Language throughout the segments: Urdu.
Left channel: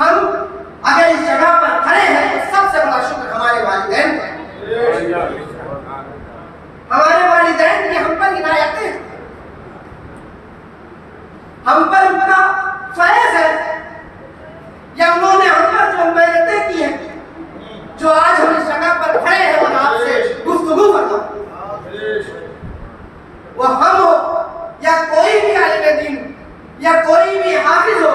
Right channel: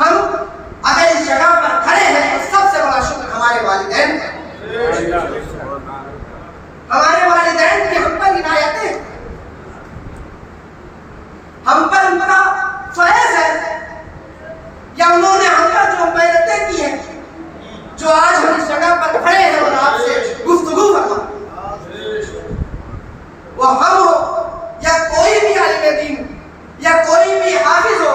ہم اگر اس جگہ پر کھڑے ہیں تو سب سے بڑا شکر ہمارے والدین کا۔ ہمارے والدین کی ہم پر عنایتیں، ہم پر ان کا فیض ہے، یا انہوں نے ہم پر جو محنتیں کی ہیں، جو آج ہم اس جگہ پر کھڑے ہیں اور آپ سے گفتگو فرما، وہ ہم ہو یا کوئی بھی عالم دین یا کوئی بھی حافظ ہو،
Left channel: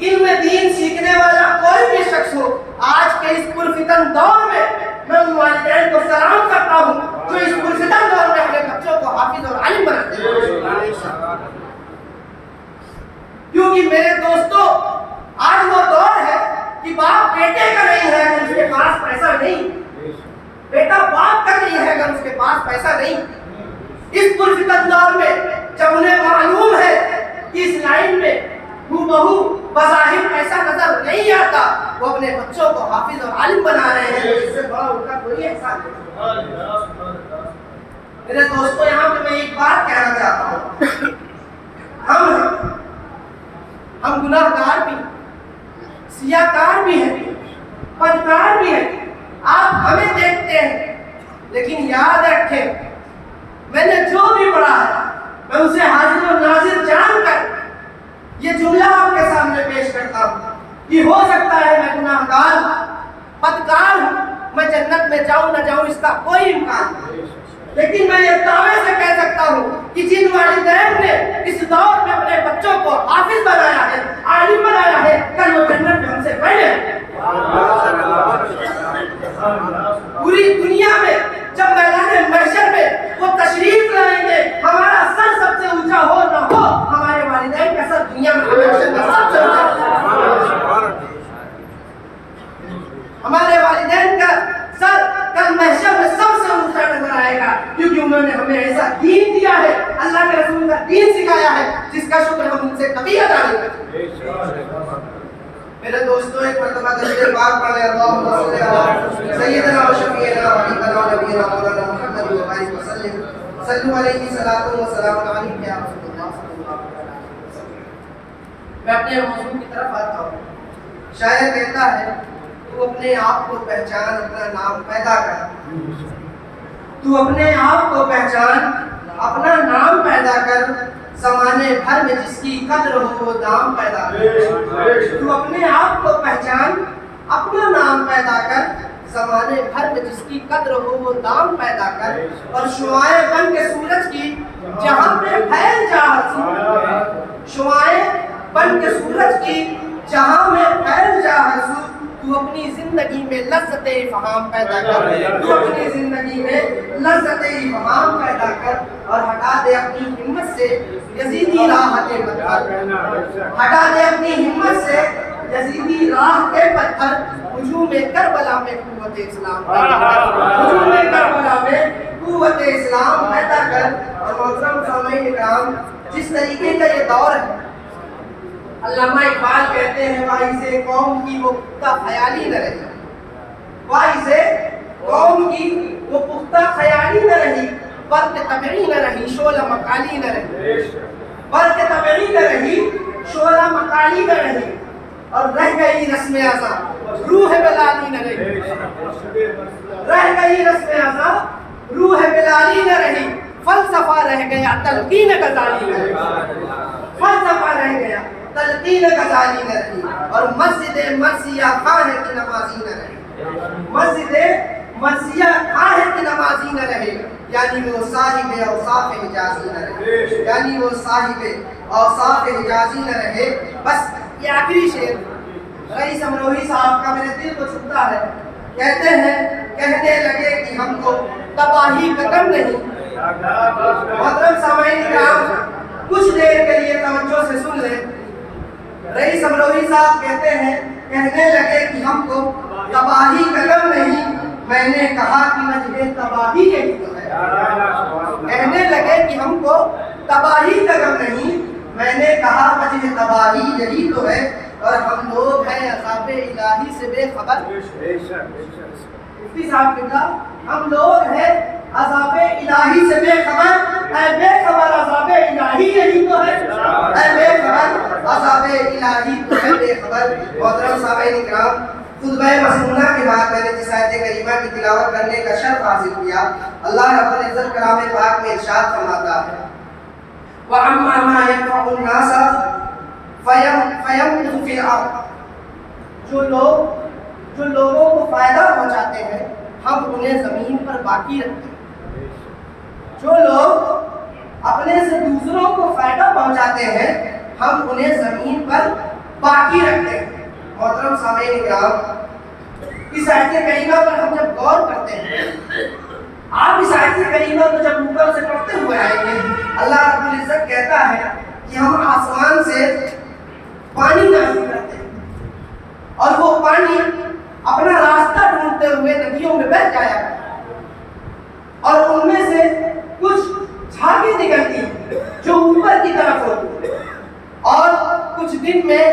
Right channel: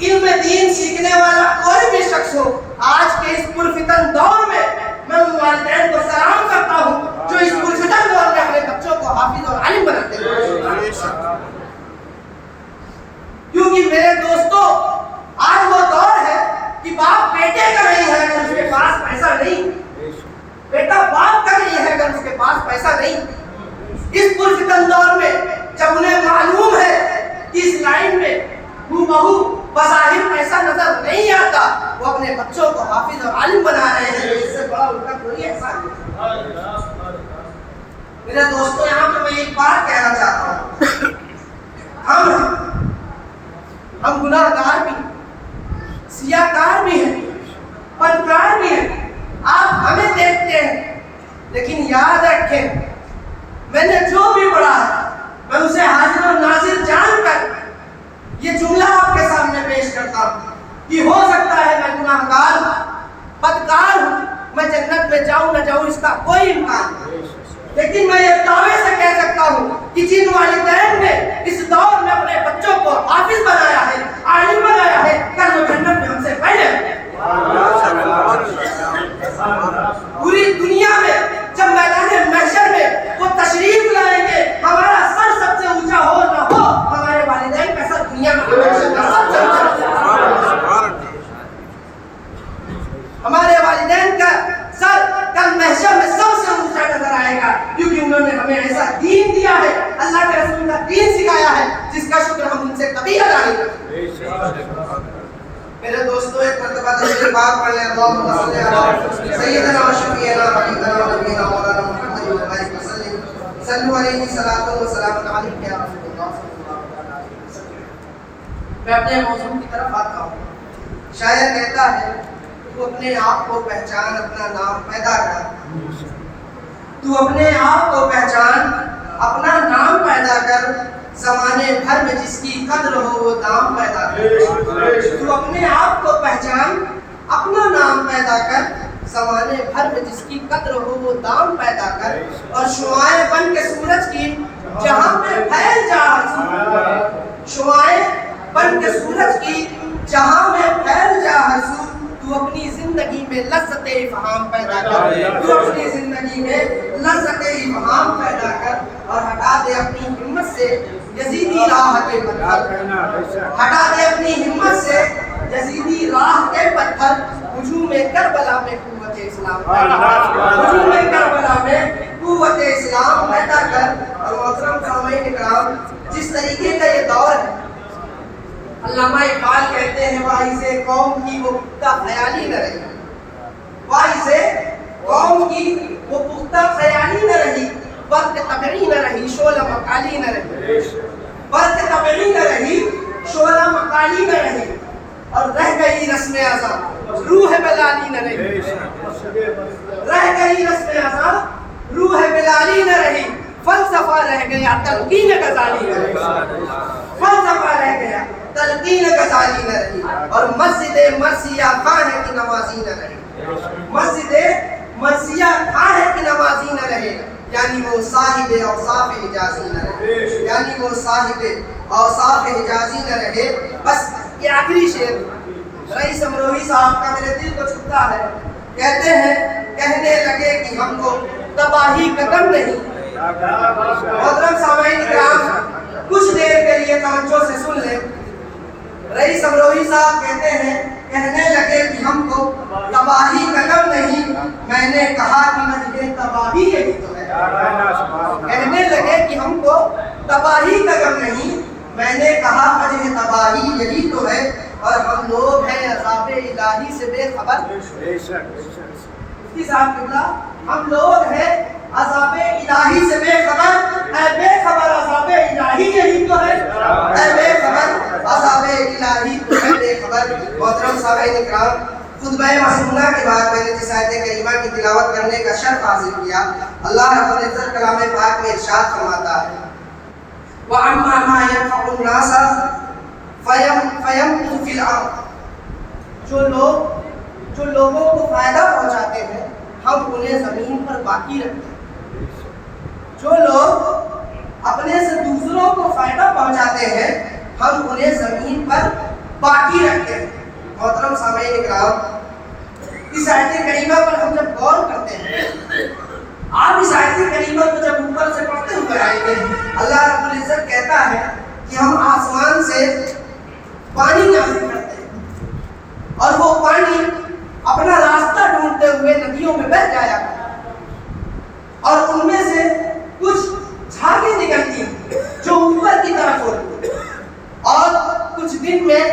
علم دین سیکھنے والا کوئی بھی شخص ہو، آج کے اس پرفتن دور میں میں ان والدین کو سلام کرتا ہوں جو اس پرفتن دور میں اپنے بچوں کو حافظ اور عالم بناتے ہیں۔ کیونکہ میرے دوستو، آج وہ دور ہے کہ باپ بیٹے کا نہیں ہے اگر اس کے پاس پیسہ نہیں، بیٹا باپ کا نہیں ہے اگر اس کے پاس پیسہ نہیں۔ اس پرفتن دور میں جب انہیں معلوم ہے کہ اس لائن میں بہو بظاہر پیسہ نظر نہیں آتا، وہ اپنے بچوں کو حافظ اور عالم بنا رہے ہیں، اس سے بڑا ان کا کوئی احسان نہیں۔ میرے دوستو، یہاں پہ میں ایک بات کہنا چاہتا ہوں، ہم گناہ گار بھی، سیاہ کار بھی ہیں، بدکار بھی ہیں، آپ ہمیں دیکھتے ہیں، لیکن یاد رکھیں میں نے جو بھی پڑھا ہے میں اسے حاضر و ناظر جان کر یہ جملہ آپ کے سامنے پیش کرتا ہوں کہ ہو سکتا ہے میں گناہ گار ہوں، بدکار ہوں، میں جنت میں جاؤں نہ جاؤں اس کا کوئی امکان نہیں، لیکن میں یہ دعوے سے کہہ سکتا ہوں کہ جن والدین نے اس دور میں اپنے بچوں کو حافظ بنایا ہے، عالم بنایا ہے، کل وہ جنت میں ہم سے پہلے ہیں۔ پوری دنیا میں جب میدان محشر میں وہ تشریف لائیں گے، ہمارا سر سب سے اونچا ہو نہ ہو، ہمارے والدین کا سر دنیا میں محشر میں سب سے اونچا، ہمارے والدین کا سر کل محشر میں سب سے اونچا نظر آئے گا، کیونکہ انہوں نے ہمیں ایسا دین دیا ہے، اللہ کے رسول کا دین سکھایا ہے جس کا شکر ہم ان سے کبھی ادا نہیں کرتے۔ میرے دوستو، ایک مرتبہ درود پاک پڑھ لیں، اللہم صلی علی سیدنا و شفیعنا و حبیبنا و نبینا مولانا محمد وعلیہ وسلم، صلو علیہ صلاۃ و سلام علیک یا رسول اللہ صلی اللہ علیہ وسلم۔ میں اپنے موضوع کی طرف آتا ہوں۔ شاعر کہتا ہے، تو اپنے آپ کو پہچان، اپنا نام پیدا کر، تو اپنے آپ کو پہچان، اپنا نام پیدا کر، زمانے بھر میں جس کی قدر ہو وہ دام پیدا کر۔ تو اپنے آپ کو پہچان، اپنا نام پیدا کر، زمانے بھر میں جس کی قدر ہو وہ دام پیدا کر، اور شعاعیں بن کے سورج کی جہاں میں پھیل جا حضور، شعاعیں بن کے سورج کی جہاں میں پھیل جا حضور، تو اپنی زندگی میں لذت افہام پیدا کر، تو اپنی زندگی میں لذت افہام پیدا کر، اور ہٹا دے اپنی ہمت سے یزیدی راہ کے پتھر، ہٹا دے اپنی ہمت سے یزیدی راہ کے پتھر، ہجوم کربلا میں قوت اسلام پیدا کر، ہجوم کربلا میں قوت اسلام پیدا کر۔ اور محترم سامعین اکرام، جس طریقے کا یہ دور ہے، علامہ اقبال کہتے ہیں، واعظ قوم کی وہ پختہ خیالی نہ رہی، واعظ قوم کی وہ پختہ خیالی نہ رہی، برق طبعی نہ رہی، شعلہ مقالی نہ رہی، برق طبعی نہ رہی، شعلہ مقالی نہ رہی، اور رہ گئی رسم ازاں، روح بلالی نہ رہی، رہ گئی رسم ازاں، روح بلالی نہ رہی، فلسفہ رہ گیا، تلقین غزالی نہ رہی، فلسفہ رہ گیا، تلقین غزالی نہ رہی، اور مسجد مرثیہ خواہ کی نمازی نہ رہی، مسجد مرثیہ خواہ کی نمازی نہ رہے، یعنی وہ صاحب اوصاف حجازی نہ رہے، یعنی وہ صاحب اوصاف حجازی نہ رہے۔ بس یہ آخری شعر رئیس امروہی صاحب کا میرے دل کو چھوتا ہے، کہتے ہیں، کہنے لگے کہ ہم کو تباہی کا غم نہیں۔ محترم سامعین کرام، کچھ دیر کے لیے توجہ سے سن لیں۔ رئیس امروہی صاحب کہتے ہیں، کہنے لگے کہ ہم کو تباہی کا غم نہیں، میں نے کہا کہ وجہ تباہی یہی تو ہے۔ کہنے لگے کہ ہم کو تباہی کا غم نہیں، میں نے کہا وجہ تباہی یہی تو ہے، اور ہم لوگ ہیں عذاب الہی سے بے خبر۔ مفتی صاحب قبلہ، ہم لوگ ہیں عذاب الہی سے بے خبر، اے بے خبر عذاب الہی یہی تو ہے، اے بے خبر عذاب الہی تو ہے، بے خبر محترم سامعین اکرام، خطبہ مسنونہ کے بعد میں نے جس آیت کریمہ کی تلاوت کرنے کا شرف حاصل کیا، اللہ رب العزت کلام پاک میں ارشاد فرماتا ہے وَأَمَّا مَا يَنْفَعُ النَّاسَ فَيَمْكُثُ فِي الْأَرْضِ، جو لوگوں کو فائدہ پہنچاتے ہیں ہم انہیں زمین پر باقی رکھتے ہیں۔ جو لوگ اپنے سے دوسروں کو فائدہ پہنچاتے ہیں ہم انہیں زمین پر باقی رکھتے ہیں۔ محترم سامعین اکرام، اس آیت کریمہ پر ہم جب غور کرتے ہیں، آپ اس آیت کریمہ کو جب اوپر سے پڑھتے ہوئے آئیں گے، اللہ رب العزت کہتا ہے کہ ہم آسمان سے پانی نازل کرتے ہیں اور وہ پانی اپنا راستہ ڈھونڈتے ہوئے ندیوں میں بہہ جایا اور ان میں سے کچھ جھاگیں نکلتی ہیں جو اوپر کی طرف ہوتی ہیں اور کچھ دن میں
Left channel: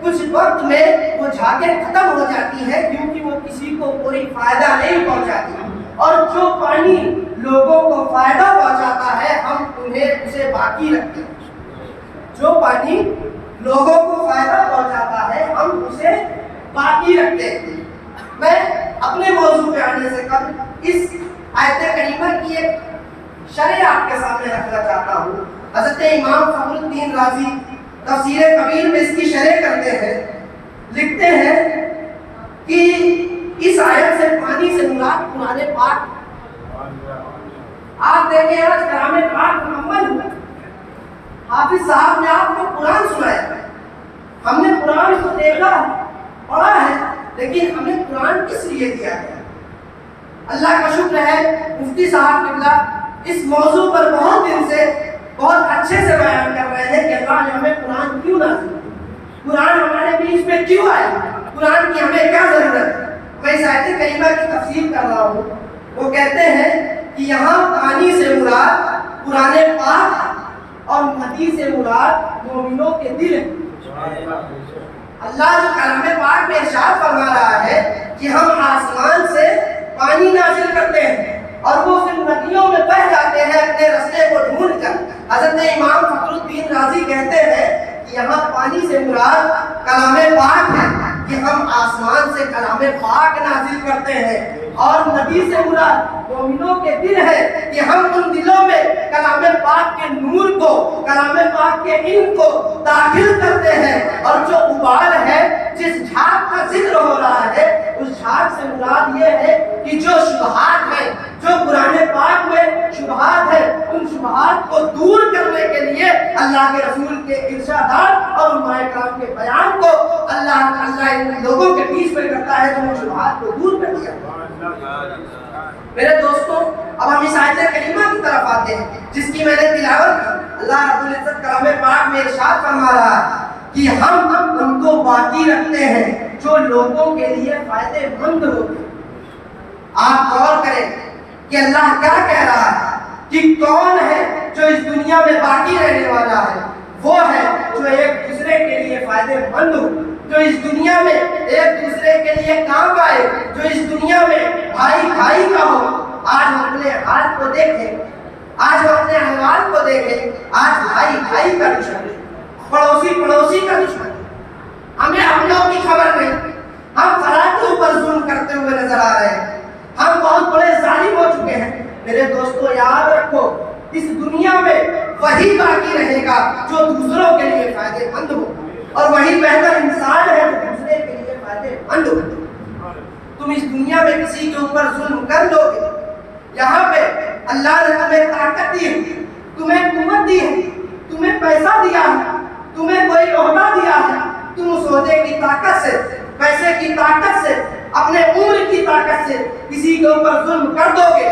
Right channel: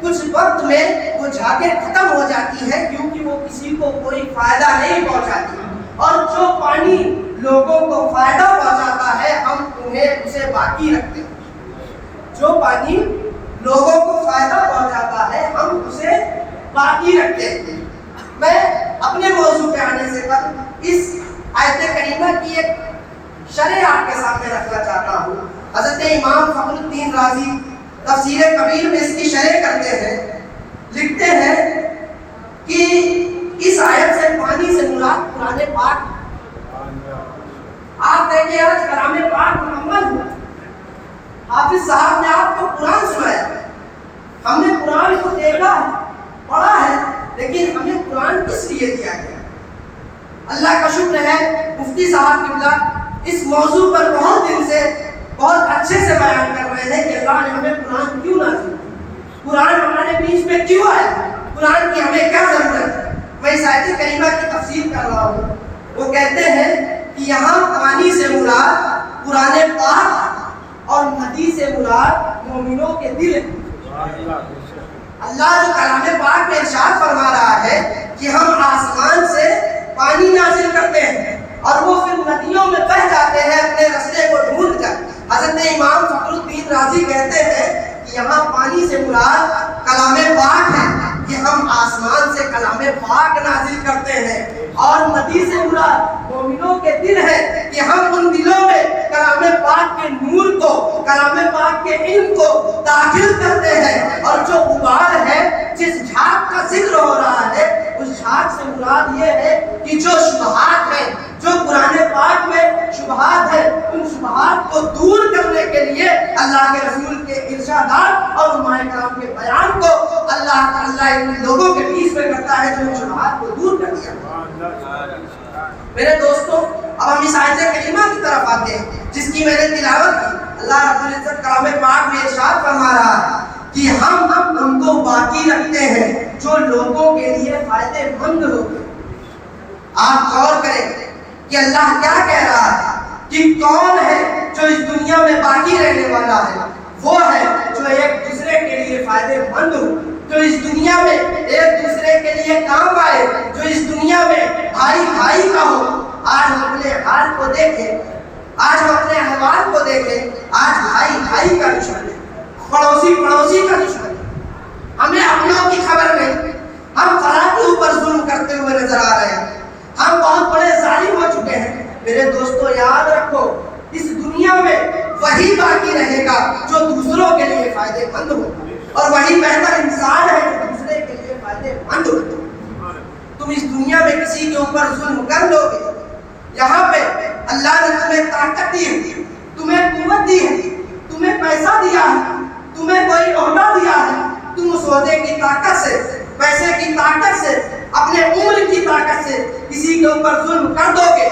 کچھ وقت میں وہ جھاگیں ختم ہو جاتی ہیں کیونکہ وہ کسی کو کوئی فائدہ نہیں پہنچاتی، اور جو پانی لوگوں کو فائدہ پہنچاتا ہے ہم انہیں اسے باقی رکھتے ہیں۔ جو پانی لوگوں کو فائدہ پہنچاتا ہے ہم اسے باقی رکھتے ہیں۔ میں اپنے موضوع پہ آنے سے قبل اس آیت کریمہ کی ایک شرح آپ کے سامنے رکھنا چاہتا ہوں۔ حضرت امام فخر الدین رازی تفسیر کبیر میں اس کی شرح کرتے ہیں، لکھتے ہیں کہ اس آیت سے پانی سے مراد قرآن پاک۔ آپ دیکھیں آج کلام پاک مکمل ہوا، حافظ صاحب نے آپ کو قرآن سنایا، ہم نے قرآن کو دیکھا پڑھا ہے، لیکن ہمیں قرآن کس لیے دیا گیا؟ اللہ کا شکر ہے مفتی صاحب قبلہ اس موضوع پر بہت دن سے بہت اچھے سے بیان کر رہے ہیں کہ اللہ نے ہمیں قرآن کیوں نازل کیا، قرآن ہمارے بیچ میں کیوں آیا، قرآن کی ہمیں کیا ضرورت ہے۔ میں اس آیت کریمہ کی تفسیر کر رہا ہوں، وہ کہتے ہیں کہ یہاں پانی سے مراد قرآن پاک اور ندی سے مراد مومنوں کے دل ہیں۔ اللہ جو کلام پاک میں ارشاد فرما رہا ہے کہ ہم آسمان سے پانی نازل کرتے ہیں اور وہ پھر ندیوں میں بہہ جاتے ہیں اپنے رستے کو ڈھونڈ کر۔ حضرت امام فخر الدین رازی کہتے ہیں کہ یہاں پانی سے مراد کلام پاک ہے کہ ہم آسمان سے کلام پاک نازل کرتے ہیں، اور ندی سے مراد مومنوں کے دل ہے کہ ہم ان دلوں میں کلام پاک کے نور کو، کلام پاک کے علم کو داخل کرتے ہیں، اور جو ابال ہے جس جھاگ کا ذکر ہو رہا ہے اس جھاگ سے مراد یہ ہے کہ جو شبہات ہیں، جو قرآن پاک میں شبہات ہیں، ان شبہات کو دور کرنے کے لیے اللہ کے رسول کے ارشادات اور علماء کرام کے بیان کو اللہ ان لوگوں کے بیچ میں کرتا ہے جو شبہات کو دور کر دیا۔ میرے دوستوں، اب ہم اس آیت کریمہ کی طرف آتے ہیں جس کی میں نے تلاوت کی۔ اللہ رب العزت کلام پاک میں ارشاد فرما رہا ہے کہ ہم ان کو باقی رکھتے ہیں جو لوگوں کے لیے فائدے مند ہو۔ آپ غور کریں کہ اللہ کیا کہہ رہا ہے کہ کون ہے جو اس دنیا میں باقی رہنے والا ہے؟ وہ ہے جو ایک دوسرے کے لیے فائدے مند ہو، جو اس دنیا میں ایک دوسرے کے لیے کام آئے، جو اس دنیا میں بھائی بھائی کا ہو۔ آج ہم اپنے حال کو دیکھیں، آج ہم اپنے احوال کو دیکھیں، آج بھائی بھائی کا دشمن ہے، پڑوسی پڑوسی کا دشمن ہے، ہمیں اپنوں کی خبر نہیں، ہم فلاں کے اوپر ظلم کرتے ہوئے نظر آ رہے ہیں، ہم بہت بڑے ظالم ہو چکے ہیں۔ میرے دوستو یاد رکھو، اس دنیا میں وہی باقی رہے گا جو دوسروں کے لیے فائدے مند ہو، اور وہی بہتر انسان ہے جو دوسرے کے لیے فائدے مند ہو۔ تم اس دنیا میں کسی کے اوپر ظلم کر دو گے، یہاں پہ اللہ نے تمہیں طاقت دی ہے، تمہیں قوت دی ہے، تمہیں پیسہ دیا ہے، تمہیں کوئی عہدہ دیا ہے، تم اس عہدے کی طاقت سے، پیسے کی طاقت سے، اپنے عمر کی طاقت سے کسی کے اوپر ظلم کر دو گے،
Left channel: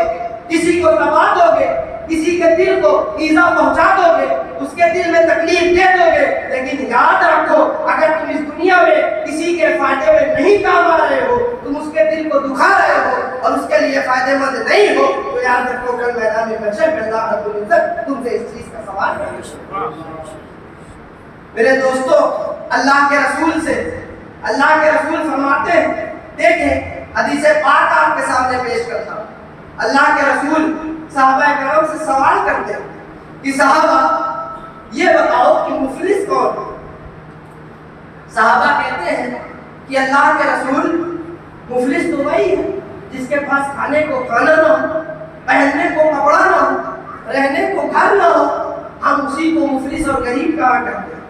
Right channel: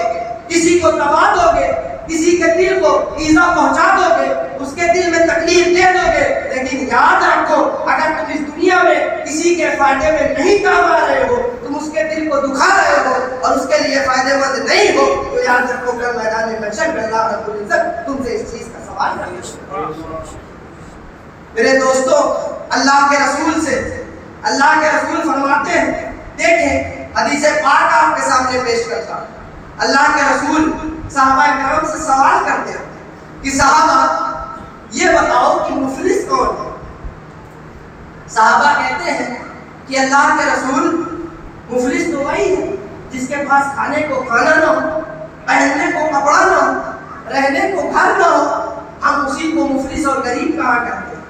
کسی کو دبا دو گے، کسی کے دل کو ایذا پہنچا دو گے، اس کے دل میں تکلیف دے دو گے، لیکن یاد رکھو اگر تم اس دنیا میں کسی کے فائدے میں نہیں کام آ رہے ہو، تم اس کے دل کو دکھا رہے ہو اور اس کے لیے فائدے مند نہیں ہو، تو یاد رکھو کل میدان محشر میں اللہ رب العزت تم سے اس چیز کا سوال کرے گا۔ میرے دوستو، اللہ کے رسول فرماتے ہیں، دیکھیں حدیث پاک آپ کے سامنے پیش کرتا ہوں۔ اللہ کے رسول صحابہ کرام سے سوال کرتے ہیں کہ صحابہ یہ بتاؤ کہ مفلس کون ہے؟ صحابہ کہتے ہیں کہ اللہ کے رسول مفلس تو وہی ہے جس کے پاس کھانے کو کھانا نہ ہو، پہننے کو کپڑا نہ ہو، رہنے کو گھر نہ ہو، ہم اسی کو مفلس اور غریب کہا کرتے ہیں۔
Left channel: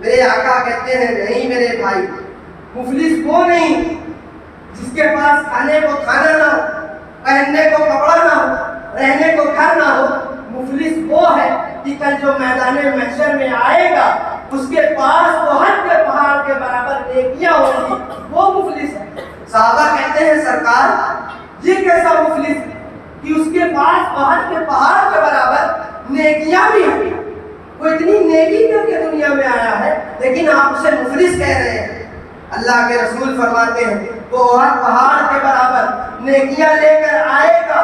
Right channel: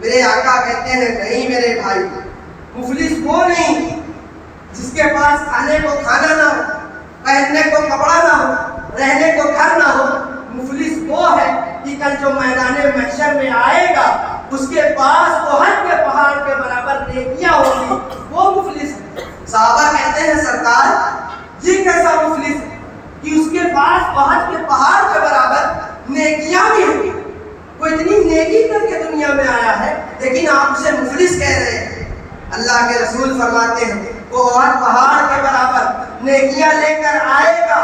میرے آقا کہتے ہیں نہیں میرے بھائی، مفلس وہ نہیں جس کے پاس کھانے کو کھانا نہ ہو، پہننے کو کپڑا نہ ہو، رہنے کو گھر نہ ہو۔ مفلس وہ ہے کہ کل جو میدان محشر میں آئے گا اس کے پاس تو حج کے پہاڑ کے برابر نیکیاں ہوگی، وہ مفلس ہے۔ صحابہ کہتے ہیں سرکار یہ کیسا مفلس ہے کہ اس کے پاس احد کے پہاڑ کے برابر نیکیاں بھی ہیں، وہ اتنی نیکی کر کے دنیا میں آیا ہے لیکن آپ اسے مفلس کہہ رہے ہیں۔ اللہ کے رسول فرماتے ہیں وہ احد پہاڑ کے برابر نیکیاں لے کر آئے گا،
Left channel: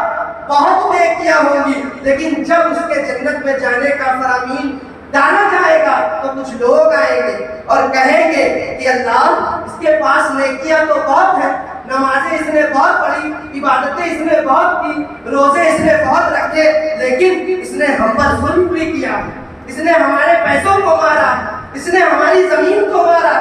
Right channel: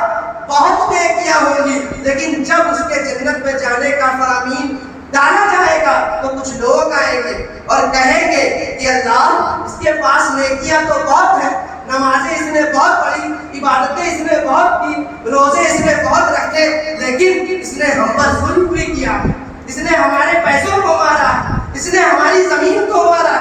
بہت نیکیاں ہوں گی، لیکن جب اس کے جنت میں جانے کا فرامین ڈالا جائے گا تو کچھ لوگ آئیں گے اور کہیں گے کہ اللہ اس کے پاس نیکیاں تو بہت ہیں، نمازیں اس نے بہت پڑھی، عبادتیں اس نے بہت کی، روزے اس نے بہت رکھے، لیکن اس نے ہم پر ظلم بھی کیا، اس نے ہمارے پیسوں کو مارا، اس نے ہماری زمین کو مارا۔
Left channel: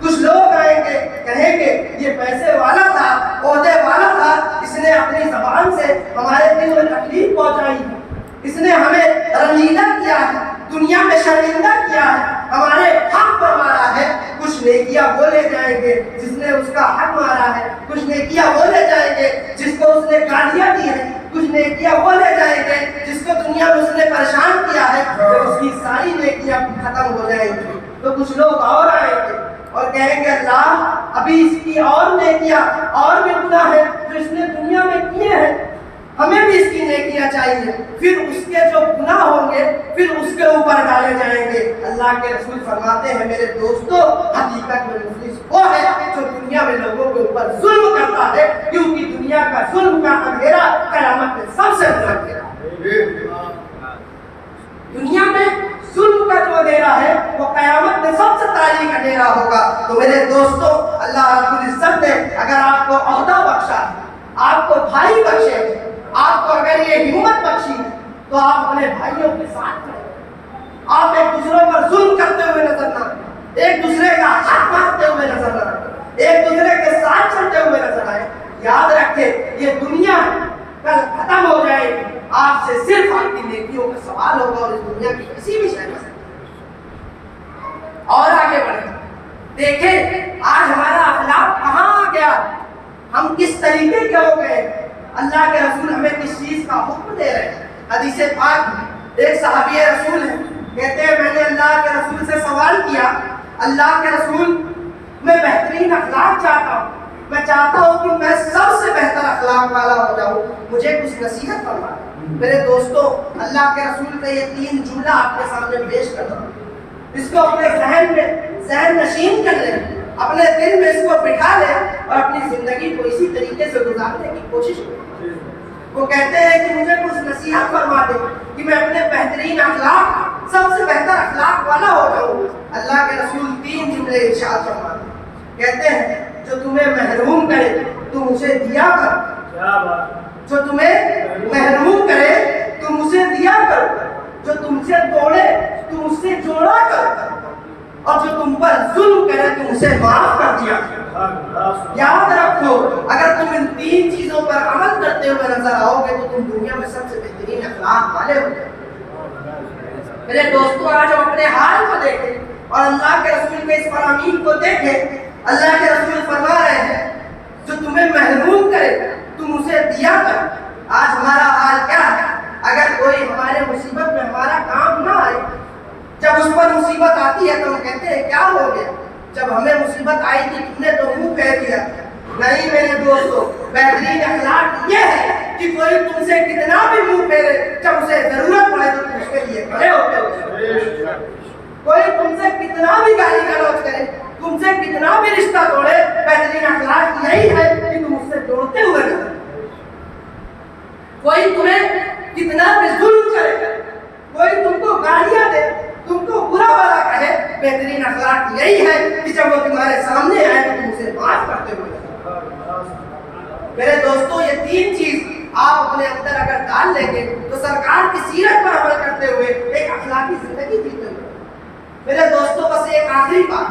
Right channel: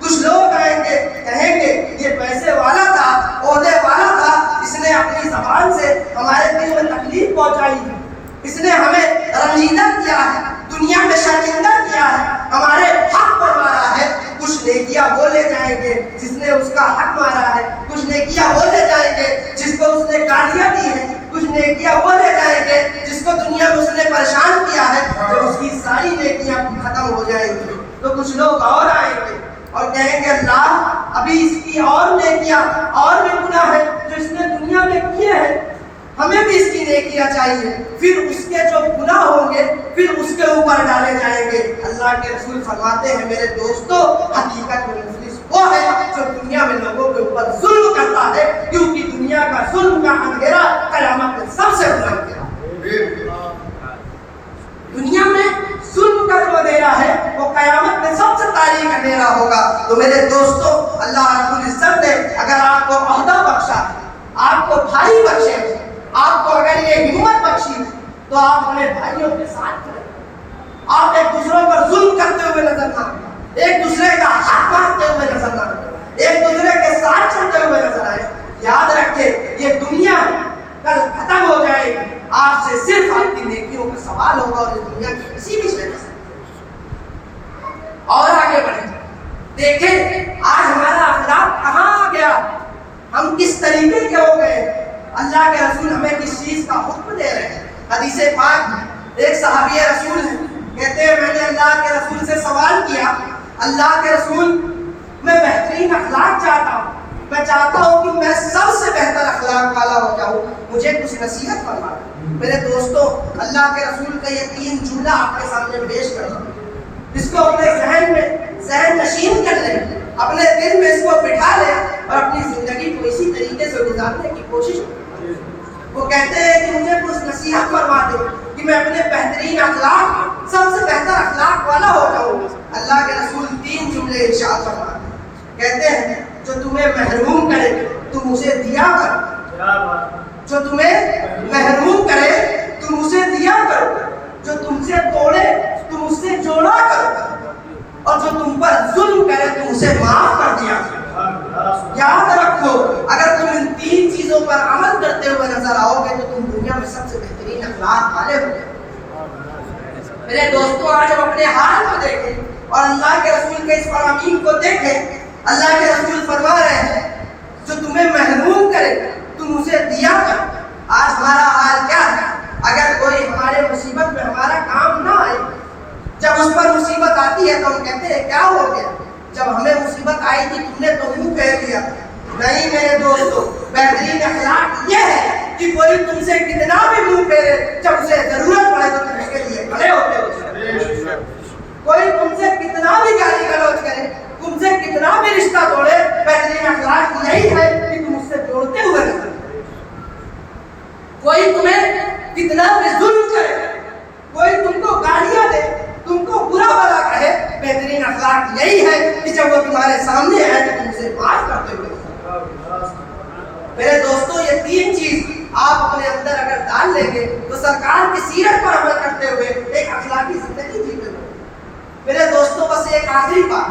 کچھ لوگ آئیں گے کہیں گے یہ پیسے والا تھا، عہدے والا تھا، اس نے اپنی زبان سے ہمارے دل میں تکلیف پہنچائی ہے، اس نے ہمیں رنجیدہ کیا ہے، دنیا میں شرمندہ کیا ہے، ہمارے حق پر مارا ہے۔ کچھ نیکیاں بولے جائیں گے جس نے اس کا حق مارا ہے، کچھ نیکیاں بولے جائیں گے جس کو اس نے گالیاں دی ہیں، کچھ نیکیاں بولے جائیں گے جس کو دنیا میں اس نے پریشان کیا ہے۔ جب اس کی ساری نیکیاں ختم ہو جائیں گی تو کچھ لوگ اور آئیں گے اور کہیں گے اللہ ابھی اس کی اور نیکیاں اور بھی گناہ ہے جو اس نے دنیا میں کیے ہیں، ہمیں بھی اس کی نیکیاں چاہیے۔ پھر اس کے جو گناہ ہوں گے پھر اس کے اوپر ڈالے جائیں گے۔ اللہ کے رسول فرماتے ہیں میرے دوستو حقیقت میں مفلس وہ ہے جو دنیا میں لوگوں کے اوپر ظلم کرتا ہے، کیونکہ دنیا کا ظلم کا اندھیرا قیامت میں سب سے بڑا اندھیرا ہے۔ دنیا میں ظلم کا جو اندھیرا ہے وہ قیامت میں سب سے تاریک اندھیرا ہوگا۔ تو میرے دوستو اللہ رب العزت نے اگر آپ کو عہدہ بخشا ہے، آپ کو بھائی بخشے، آپ کو اگر یہ ہمت بخشی تو آپ اپنے بھائیوں کے ساتھ کریں، آپ ایک دوسرے پر ظلم کرتے ہوئے نظر نہ آئے، ایک دوسرے کا حق مارتے ہوئے نظر نہ آئے، ایک دوسرے کے ساتھ چلتے ہوئے نظر آئے۔ یاد رکھیں یہ دنیا کل ختم ہو جائے گی، آج سے صرف آپ کی نیکیوں کا سوال ہوگا اور اس دنیا کی کسی بھی شے سے۔ اور آگے بڑھیں، دیکھیں آج ہمارا اخلاق کہاں آ گیا، ہم کس طریقے کے ہو گئے۔ اللہ کے رسول ہمیں کس چیز کا حکم دے رہے ہیں۔ حدیث پاک ایک صحابی رسول ہے، کہتے ہیں میں نے اللہ کے رسول سے سوال کیا، اللہ کے رسول میں بہترین اخلاق چاہتا ہوں، میں چاہتا ہوں کہ میں سب سے بہتر اخلاق والا ہو جاؤں، مجھے کچھ نصیحت فرمائیں۔ میرے دوستو اللہ کے رسول کا یہ 3 جملہ آپ کے سامنے پیش کر رہا ہوں، اس کو اپنے ذہن میں ذہن نشین کر لیں، اپنے دل میں اس کو بٹھا لیں اور اپنی زندگی کو اسی طریقے سے گزارنے کی کوشش کریں۔ وہ کہتے ہیں کہ مجھے کچھ نصیحت فرما دے کہ میں اپنے بہترین اخلاق سب سے بہتر اخلاق والا ہو جاؤں۔ اللہ کے رسول 3 جملے ارشاد فرماتے ہیں، کہتے ہیں جو تمہیں محروم کرے تم اسے دیا کرو، جو تمہیں محروم کرے تم اسے دیا کرو، جو تم سے توڑے تم اس سے جوڑا کرو، اور جو تم پر ظلم کرے تم اسے معاف کر دیا کرو۔ یاد رکھو اگر تم ان 3 چیزوں پر عمل کرتے ہوئے نظر آؤ گے تو تم دنیا میں سب سے بہترین اخلاق والے ہو گے۔ میرے دوستو آج ہم اپنے حال کو دیکھیں اور اللہ کے رسول کے اس فرامین کو دیکھیں۔ اللہ کے رسول فرما رہے ہیں جو تمہیں محروم کرے تم اسے دیا کر۔ آج ہمارا حال کیا ہے؟ اگر کوئی ہمارے مصیبت میں ہمارا کام نہ آئے، جب اس پر مصیبت آتی ہے تو ہم کہتے ہیں کیا ہو گیا، جب ہمیں مصیبت آئی تھی تم نے تو منہ پھیر دیا۔ نہیں میرے دوستو، بہترین اخلاق یہ ہے کہ کوئی تم سے کتنا بھی منہ پھیرے، جب اسے ضرورت پڑے تو تم اس کے لیے کھڑے ہوتے ہو۔ کوئی تم سے کتنا بھی گالی گلوچ کرے، تم سے کتنا بھی رشتہ توڑے، بہترین اخلاق یہی ہے کہ تم اس سے جوڑتے ہوئے رہو۔ کوئی تمہیں کتنا بھی ظلم کرے، کوئی تم کو گالیاں دے، تم کو برا بھلا کہے، بہترین اخلاق یہی ہے کہ جب وہ تمہارے سامنے آئے تو تم اسے معاف کرتے ہوئے۔ میرے دوستو یہ 3 چیز آپ اپنے اندر اگر ڈال لیں گے تو سرکار کی سیرت پر عمل کرتے ہوئے ایک اخلاقی زندگی جیتے ہوئے۔ میرے دوستو بس ایک آخری بات،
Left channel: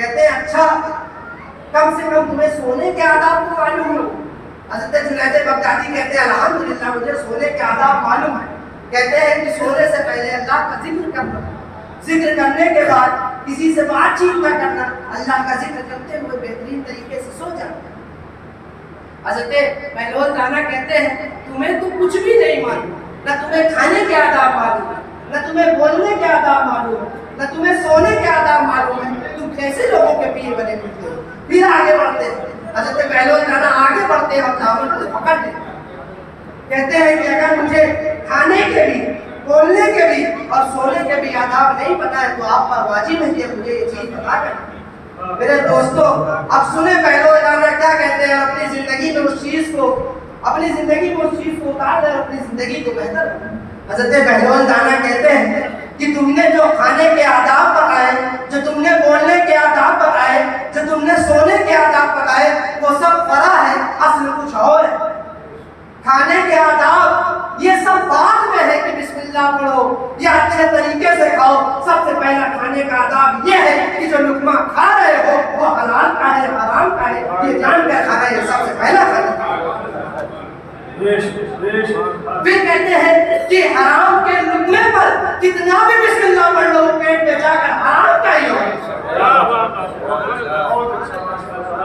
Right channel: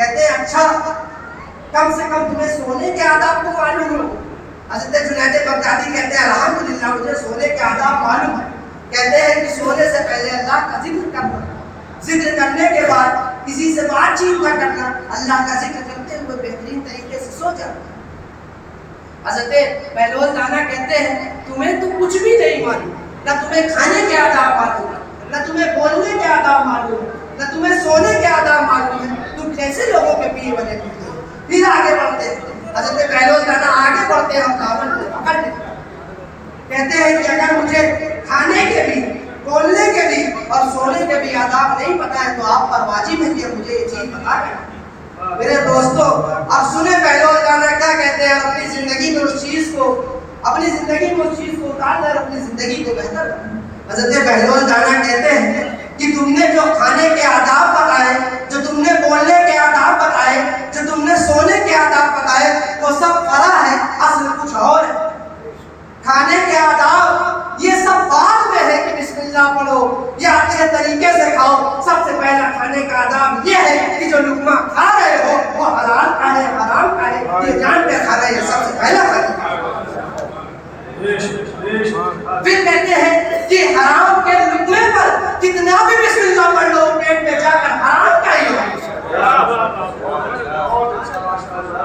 کہتے ہیں اچھا کم سے کم تمہیں سونے کے آداب تو معلوم ہو. حضرت جنید بغدادی کہتے ہیں الحمدللہ مجھے سونے کے آداب معلوم ہے. کہتے ہیں کہ سونے سے پہلے اللہ کا ذکر کرنا, ذکر کرنے کے بعد کسی سے بات چیت نہ کرنا, اللہ کا ذکر کرتے ہوئے بہترین طریقے سے سو جانا. حضرت بہلول دانا کہتے ہیں تمہیں تو کچھ بھی نہیں معلوم, نہ تمہیں کھانے کے آداب معلوم ہے, نہ تمہیں بولنے کے آداب معلوم ہے, نہ تمہیں سونے کے آداب معلوم ہے, تم کیسے لوگوں کے پیر بنے ہوتے ہو. پھر آگے بڑھتے ہیں حضرت بہلول دانا, آگے بڑھتے ہیں اور دامن کو پکڑتے ہیں. کہتے ہیں کہ اگر مجھے کھانے کے بھی, بولنے کے بھی اور سونے کے بھی آداب نہیں پتہ ہے تو آپ پر واجب ہے کہ مجھے یہ چیز بتا کریں. میرے دوستو اب سنیں بہلول دانا کیا کہتے ہیں, اور اپنی زندگی میں اس چیز کو, اپنی زندگی میں اس چیز کو اتار کر اپنی زندگی کو بہتر بنائیں. حضرت بہلول دانا کہتے ہیں کہ تم نے جو کھانے کے آداب بتائے, جو تم نے بولنے کے آداب بتائے, جو تم نے سونے کے آداب بتائے, وہ سب فرع ہے, اصل کچھ اور ہے. کھانے کے آداب یہ سب بعد میں ہے کہ بسم اللہ پڑھو یا اچھے طریقے سے کھاؤ. سب سے پہلا کھانے کا آداب یہ ہے کہ جو لقمہ کھا رہے ہو وہ حلال کا ہے, حرام کا ہے, یہ جان کر کھانا, یہ سب سے پہلا کھانا. پھر کہتے ہیں کہ حرام کے لقمے پر کتنا بھی بسم اللہ پڑھ لو پیٹ میں جا کر حرام کا ہی ہو.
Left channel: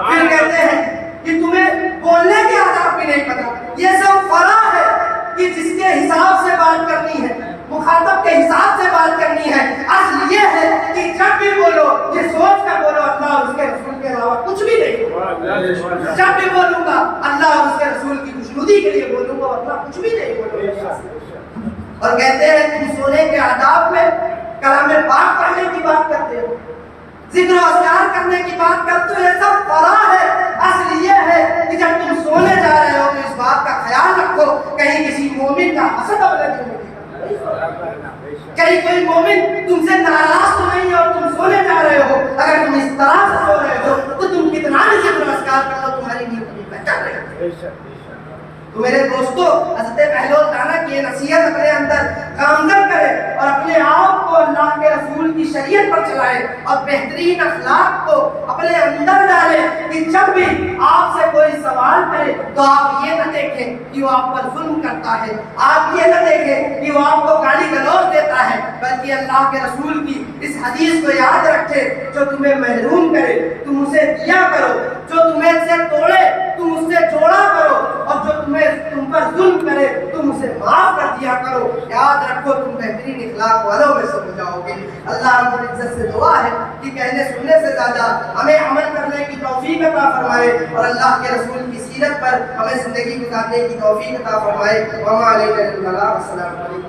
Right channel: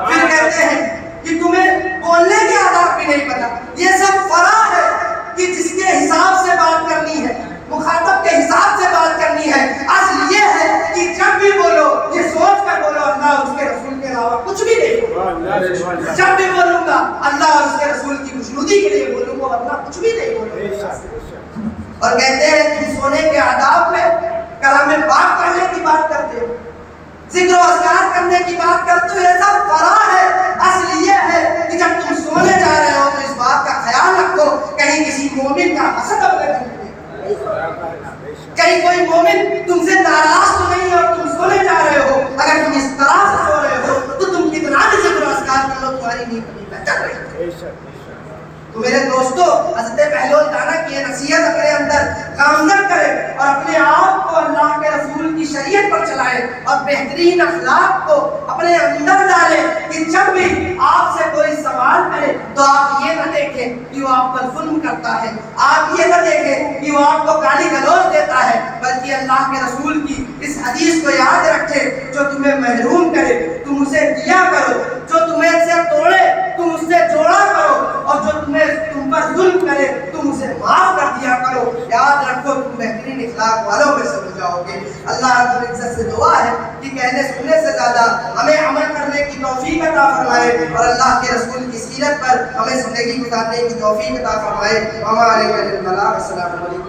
پھر کہتے ہیں کہ تمہیں بولنے کے آداب بھی نہیں پتا, یہ سب فرع ہے کہ جس کے حساب سے بات کرنی ہے, مخاطب کے حساب سے بات کرنی ہے. اصل یہ ہے کہ جب بھی بولو یہ سوچ کر بولو اللہ اور اس کے رسول کے علاوہ کچھ بھی نہیں. جب بھی بولوں گا اللہ اور اس کے رسول کی خوشنودی کے لیے بولوں گا, ورنہ کچھ بھی نہیں بولوں گا. اور کہتے ہیں تم سونے کے آداب میں کلام پاک پڑھنے کی بات کرتے ہو, ذکر و اذکار کرنے کی بات کرتے ہو, یہ سب فرع ہے. اصل یہ ہے کہ جب تم سونے جا رہے ہو تو اس بات کا خیال رکھو کہیں کسی مومن کا حسد اپنے دل میں کہیں کوئی مومن تم سے ناراض تو نہیں ہے اور تم سونے جا رہے ہو. اگر تم اس طرح سے سو رہے ہو تو تم کتنا بھی ذکر و اذکار کر لو تمہاری نیند بہتر رہے گی. تو میرے دوستو حضرت بہلول دانا کی یہ نصیحت اپنے اندر گامزن کرے اور اپنے آپ کو اللہ کے رسول کی شریعت پر چلائے اور بہترین اخلاق کو اپنے اندر ڈالے کہ جب بھی آپ سے کوئی سوال کرے تو آپ یہ نہ دیکھیں کہ وہ آپ پر ظلم کرتا ہے, آپ یہ نہ دیکھیں کہ وہ آپ کو گالی گلوچ دیتا ہے, بلکہ اللہ کے رسول کی اس حدیث کو یاد رکھے جو تمہیں محروم کرے تم اسے دیا کرو, جو تمہیں سے توڑے تم اس سے جوڑا کرو, اور جو تم پر ظلم کرے تم اسے معاف کر دیا کرو. یاد رکھو تم بہترین اخلاق والوں میں سے ہو جاؤ گے. اللہ رب العزت سے دعا ہے کہ کہنے سننے سے زیادہ ہمیں عمل کرنے کی توفیق عطا فرمائے اور اللہ کے رسول کی سیرت پر ہمیں زندگی گزارنے کی توفیق عطا فرمائے. وما علینا الا البلاغ. السلام علیکم.